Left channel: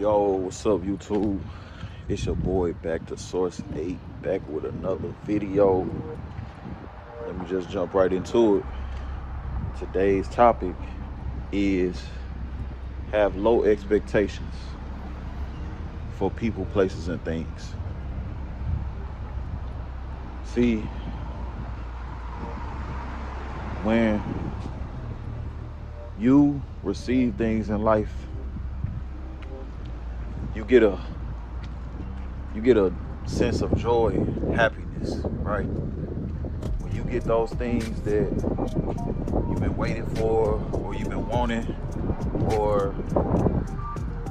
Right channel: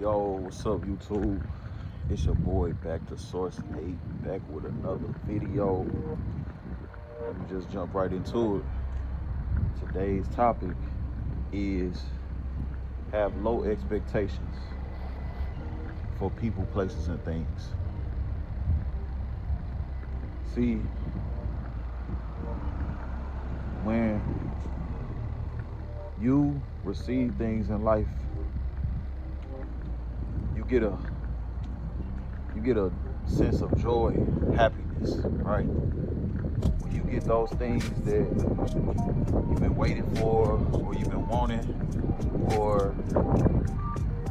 Yo, what's up, YouTube? It's your boy back to Source 8, back with another video. Let me just jump right into it. Today's topic is have low expectations for people, places, and things. See, when you receive things in life, you get a sense of joy, happiness, right? When you get those things that you've been waiting for, or you've been wanting, or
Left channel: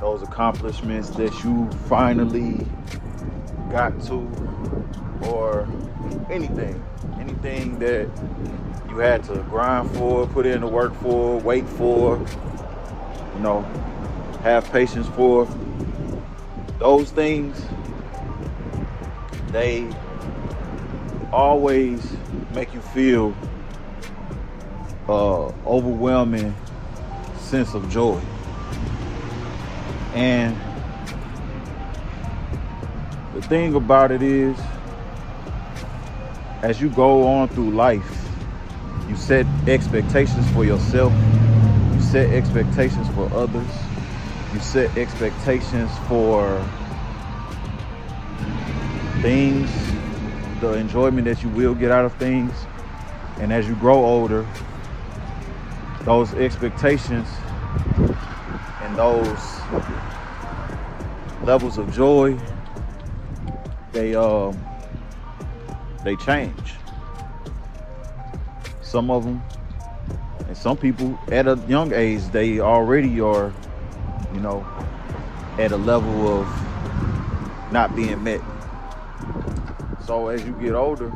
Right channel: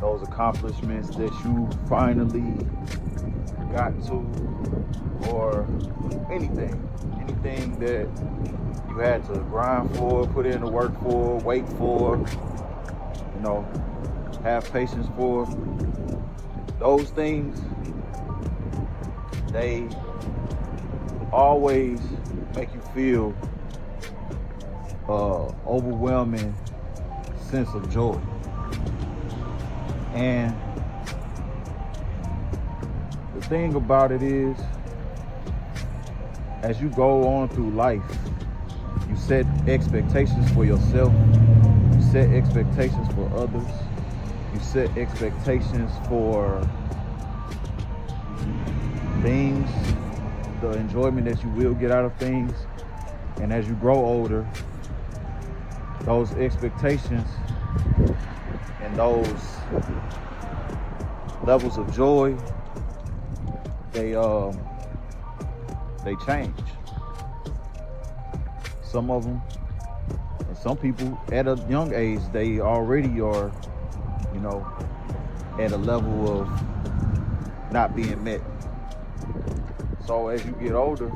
those accomplishments that you finally got to, or anything that you had to grind for, put in the work for, wait for, have patience for. Those things, they always make you feel overwhelming sense of joy. And the thing about it is, as you go on through life, you set expectations for yourself, you set expectations for others, you set expectations for things, the enjoyment that you will get out of things. And as you grow older, those expectations and those levels of joy, they change. Some of them, and some people at a young age, they already are, at a level of not being met. So as you get older,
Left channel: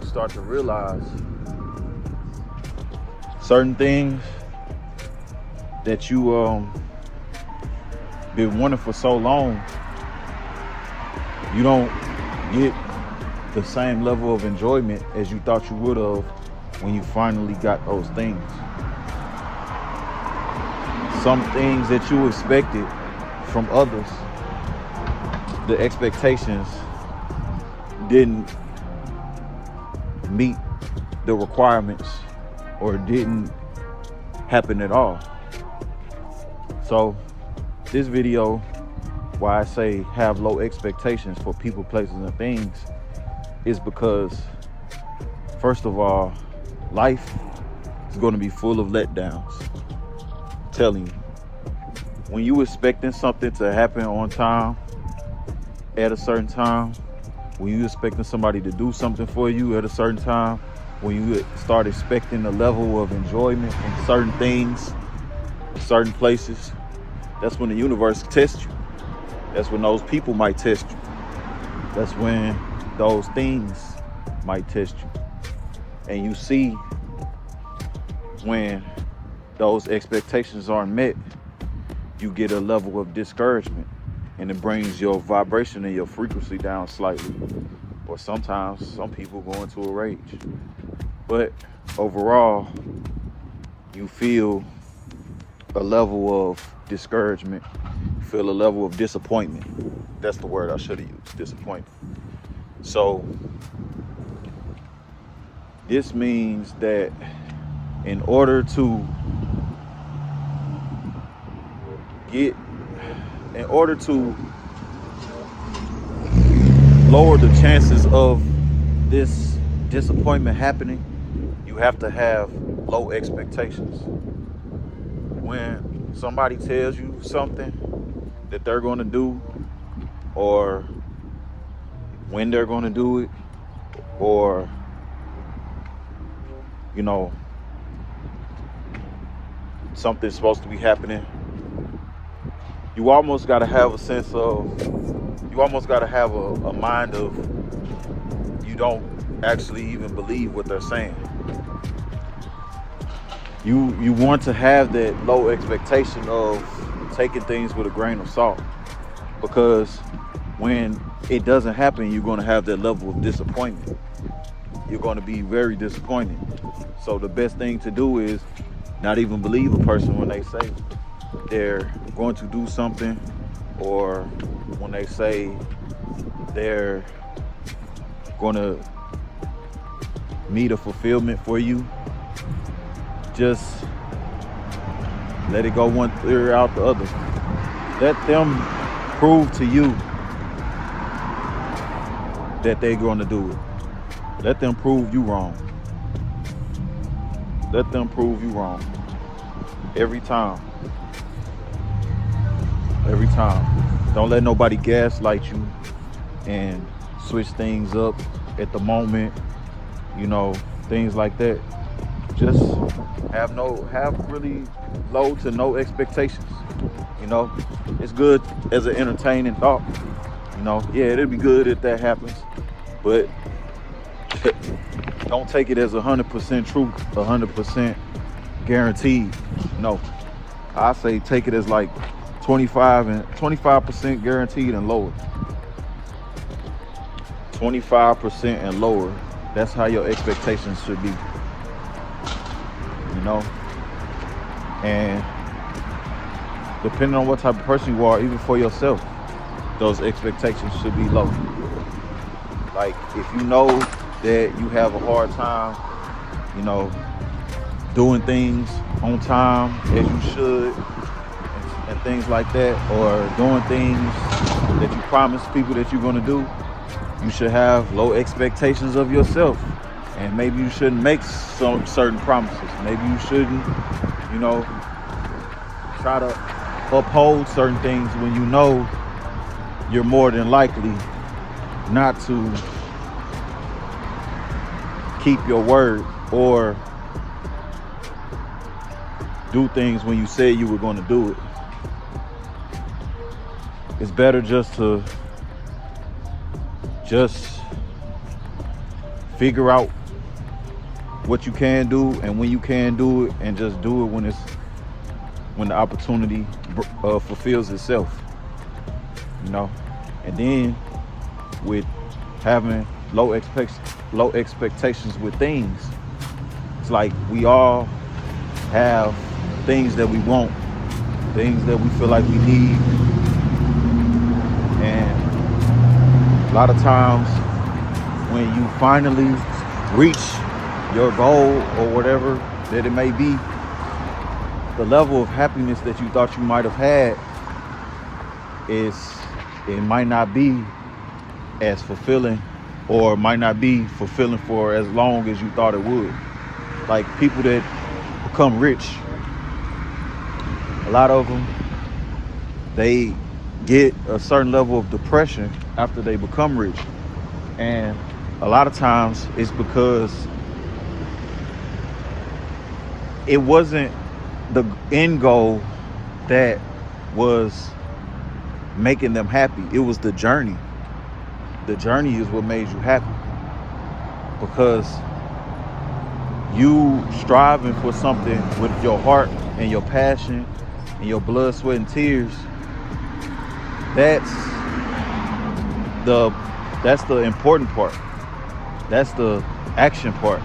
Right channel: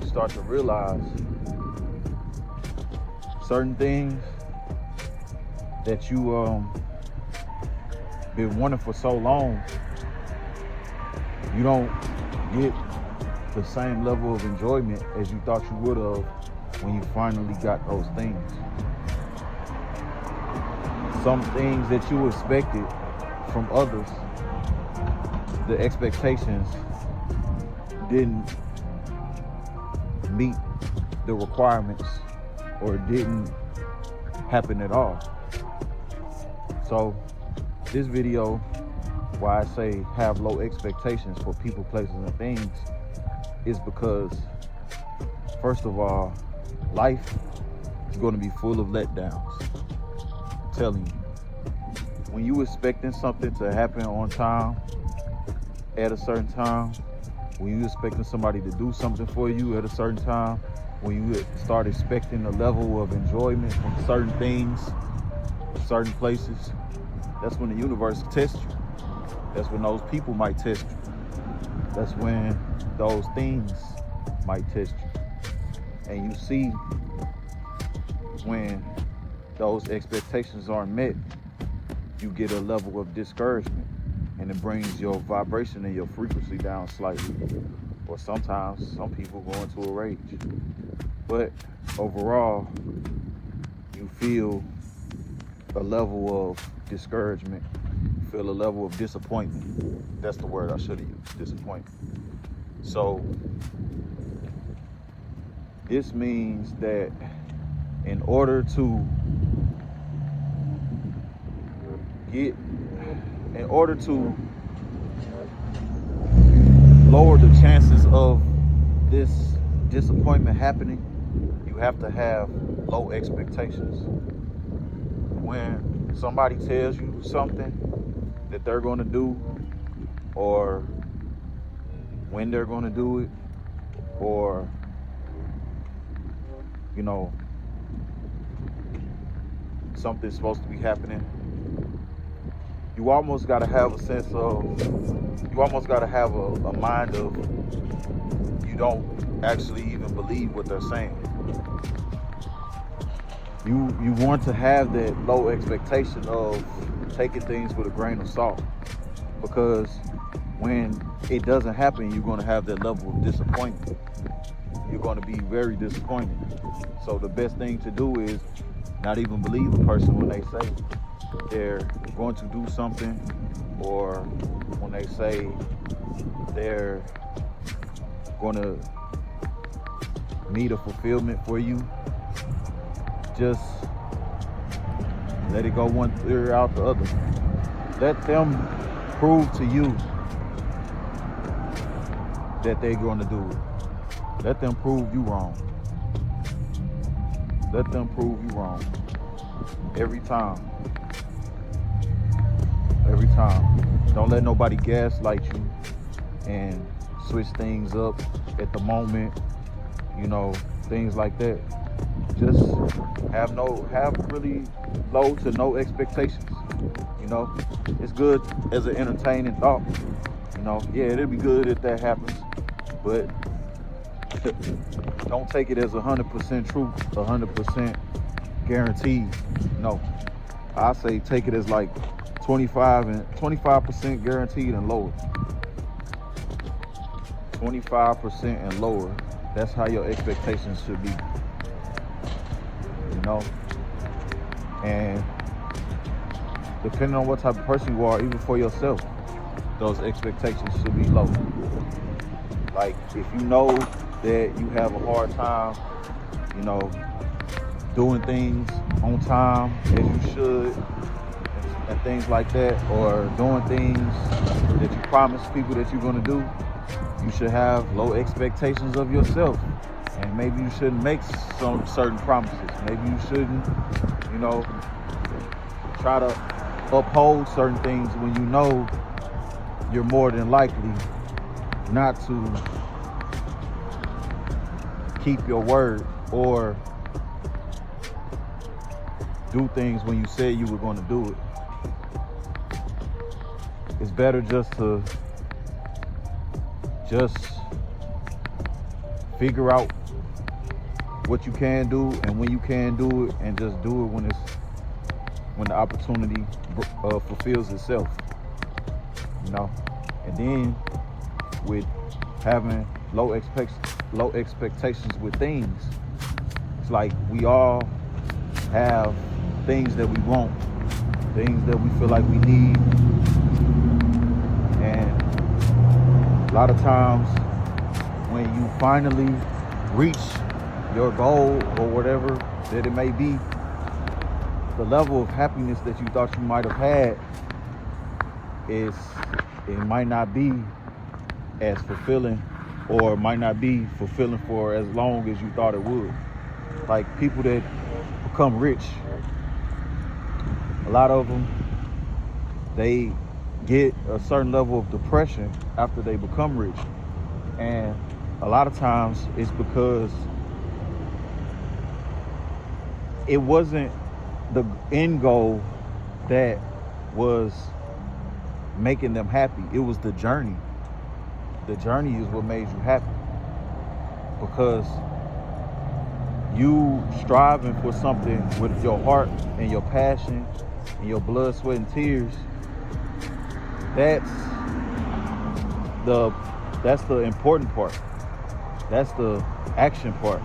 you start to realize certain things that you been wanting for so long, you don't get the same level of enjoyment as you thought you would have when you finally got those things. Some things that you expected from others, the expectations didn't meet the requirements or didn't happen at all. So this video, why I say have low expectations for people, places, and things, is because, first of all, life is going to be full of letdowns. I'm telling you, when you expecting something to happen on time, at a certain time, when you expecting somebody to do something for you at a certain time, when you start expecting a level of enjoyment in certain things, certain places, that's when the universe tests you. That's when those people might test you. That's when those things might test you. And you see, when those expectations aren't met, you get a level of discouragement, and it brings your vibration and your frequency down slightly. Or sometimes some people go into a rage. But overall, you feel a level of discouragement, you feel a level of disappointment. That's the word I should have used, disappointment. So this means that in order to lower the chances of this disappointment happening, you have to have low expectations. When somebody tells you something that they're going to do, or when they're going to do it, or something's supposed to be happening, you almost got to have a sense of, you almost got to have a mind of, you don't actually even believe what they're saying. You want to have that low expectation of taking things with a grain of salt, because when it doesn't happen, you're going to have that level of disappointment. You're going to be very disappointed. So the best thing to do is not even believe a person when they say it. they're going to do something, or when they say they're going to meet a fulfillment for you, just let it go one ear out the other. Let them prove to you that they're going to do it. Let them prove you wrong. Let them prove you wrong. Every time. Every time. Don't let nobody gaslight you and switch things up at the moment, you know, things like that. Just have really low to no expectations. You know, it's good as an entertaining thought. You know, yeah, it'd be good if that happens, but don't take it as 100% truth, 100% guaranteed. No, I say take it as like 25% guaranteed and lower. 25% and lower. That's how your expectations should be. You know, and depending on what type of person you are, even for yourself, those expectations should be low. Like, if you know that you have a hard time, you know, doing things on time as you should and things like that, or doing things that you promise people that you're going to do, you should have low expectations of yourself. And maybe you shouldn't make some certain promises. Maybe you shouldn't, you know, try to uphold certain things when you know you're more than likely not to keep your word, or do things when you said you were going to do it. It's better just to figure out what you can do and when you can do it, and just do it when the opportunity fulfills itself, you know. And then with having low expectations with things, it's like we all have things that we want, things that we feel like we need, and a lot of times when you finally reach your goal or whatever that it may be, the level of happiness that you thought you might have had it might not be as fulfilling, or might not be fulfilling for as long as you thought it would. Like, people that become rich, a lot of them, they get a certain level of depression after they become rich. And a lot of times it's because it wasn't the end goal that was making them happy. It was the journey. The journey is what made you happy, because you striving for something with your heart and your passion and your blood, sweat, and tears. That's the important part. That's the action part.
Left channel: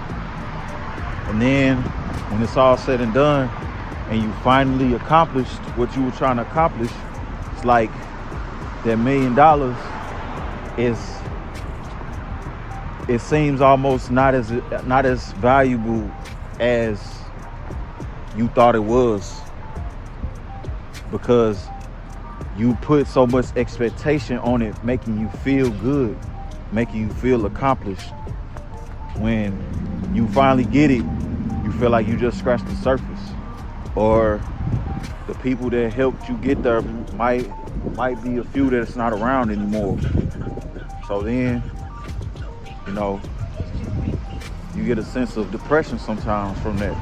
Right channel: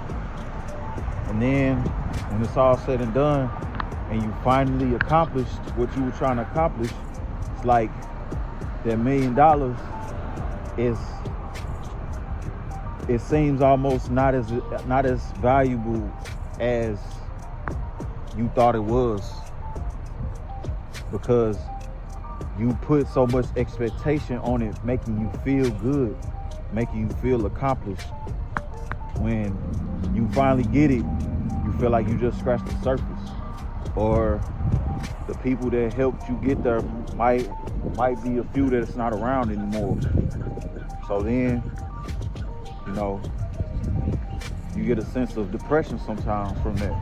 And then when it's all said and done and you finally accomplished what you were trying to accomplish, it's like that $1 million it seems almost not as valuable as you thought it was, because you put so much expectation on it, making you feel good, making you feel accomplished. When you finally get it, you feel like you just scratched the surface, or the people that helped you get there might be a few that's not around anymore. So then, you know, you get a sense of depression sometimes from that.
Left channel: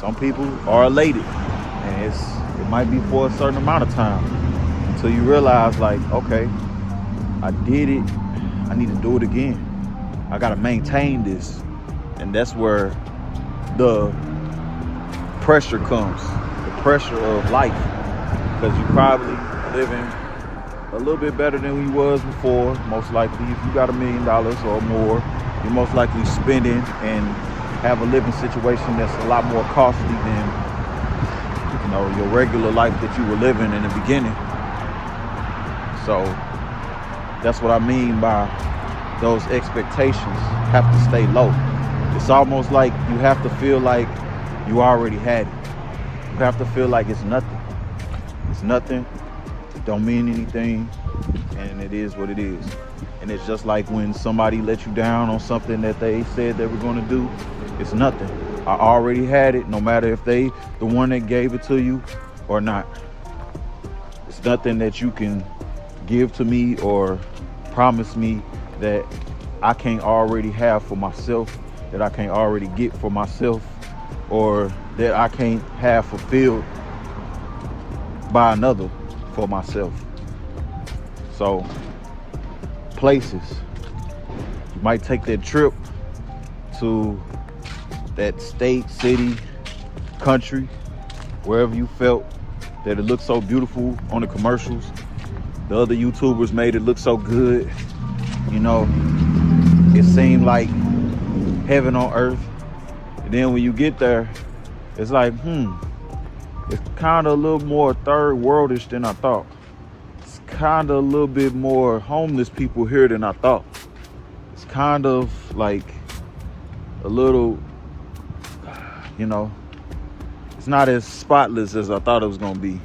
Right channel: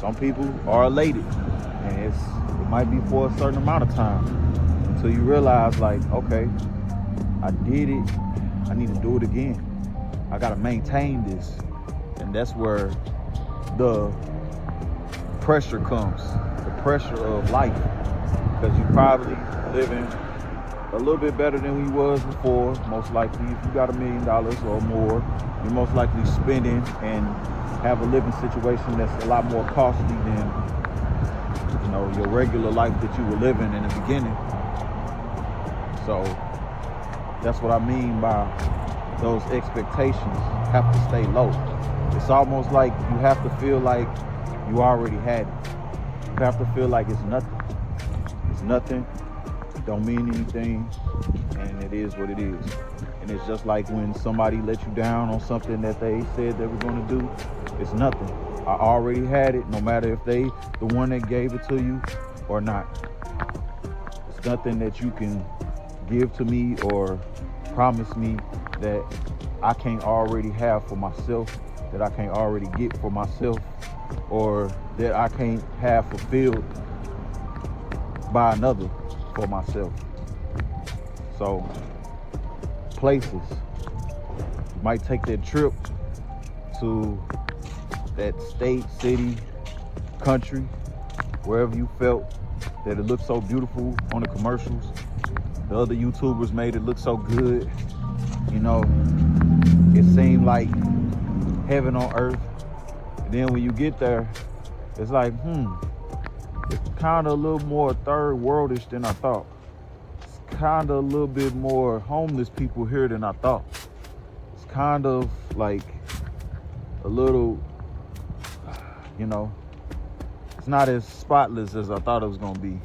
Some people are elated, and it might be for a certain amount of time, until you realize, like, okay, I did it, I need to do it again. I gotta maintain this. And that's where the pressure comes, the pressure of life, because you're probably living a little bit better than we was before. Most likely, if you got $1 million or more, you're most likely spending and have a living situation that's a lot more costly than you know, your regular life that you were living in the beginning. So that's what I mean by those expectations have to stay low. It's almost like you have to feel like you already had it. You have to feel like it's nothing. It's nothing. It don't mean anything. And it is what it is. And it's just like when somebody let you down on something that they said they were going to do. It's nothing. I already had it, no matter if they the one that gave it to you or not. It's nothing that you can give to me or promise me that I can't already have for myself, that I can't already get for myself, or that I can't have fulfilled by another for myself. So places, you might take that trip to that state, city, country, wherever you felt that it looked so beautiful on the commercials. The other YouTubers made it look so good. You know, it seemed like heaven on earth. And then when you get there, it's like, it's kind of a little more third worldish than I thought. It's kind of a little bit more homeless people here than I thought. It's kind of like a little, you know, it's not as spotless as I thought it was gonna be.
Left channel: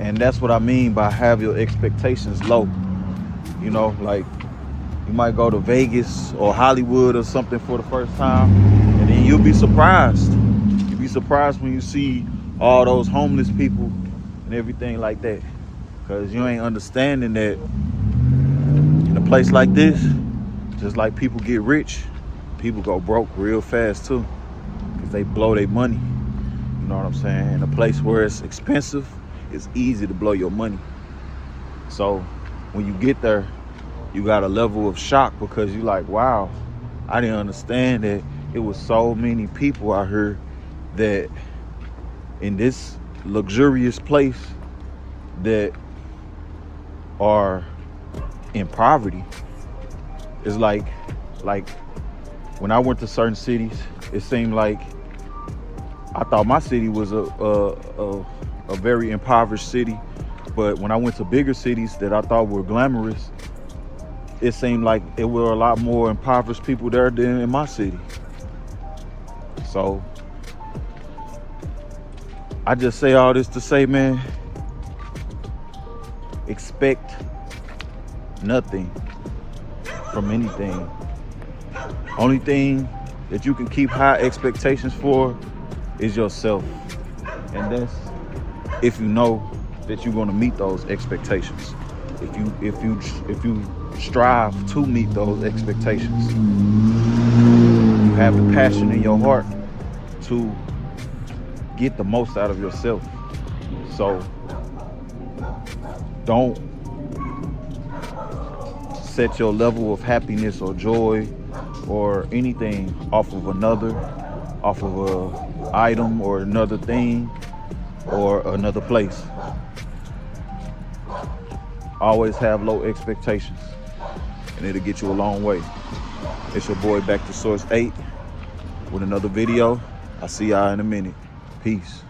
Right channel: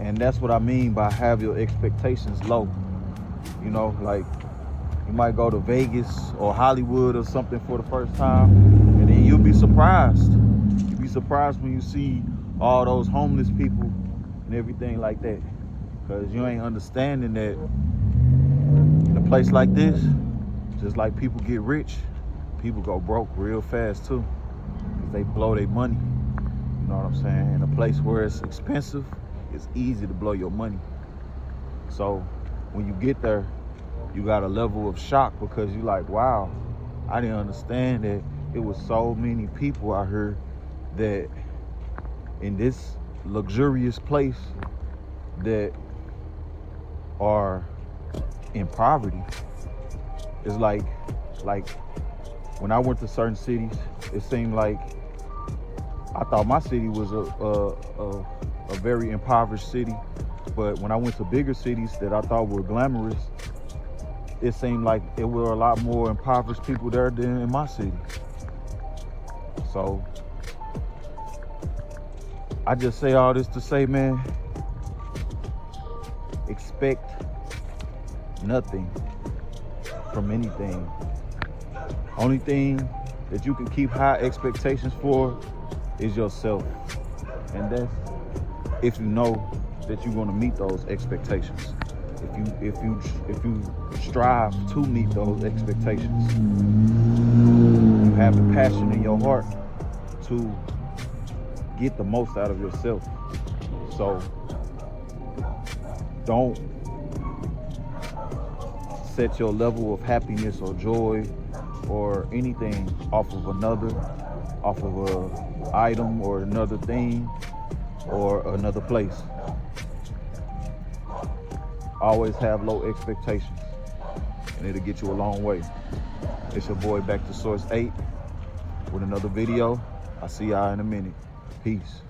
And that's what I mean by have your expectations low. You know, like you might go to Vegas or Hollywood or something for the first time, and then you'll be surprised. You'll be surprised when you see all those homeless people and everything like that. Because you ain't understanding that in a place like this, just like people get rich, people go broke real fast too. Because they blow their money. You know what I'm saying? In a place where it's expensive, it's easy to blow your money. So when you get there, you got a level of shock because you're like, wow, I didn't understand that it was so many people out here that in this luxurious place that are in poverty. It's like when I went to certain cities, it seemed like I thought my city was a very impoverished city, but when I went to bigger cities that I thought were glamorous, it seemed like there were a lot more impoverished people there than in my city. So I just say all this to say, man, expect nothing from anything. Only thing that you can keep high expectations for is yourself. And that's if you know that you're gonna meet those expectations. If you strive to meet those expectations, you have the passion in your heart to get the most out of yourself. So don't set your level of happiness or joy or anything off of another, off of a item or another thing or another place. Always have low expectations and it'll get you a long way. It's your boy Back to Source 8 with another video. I'll see y'all in a minute. Peace.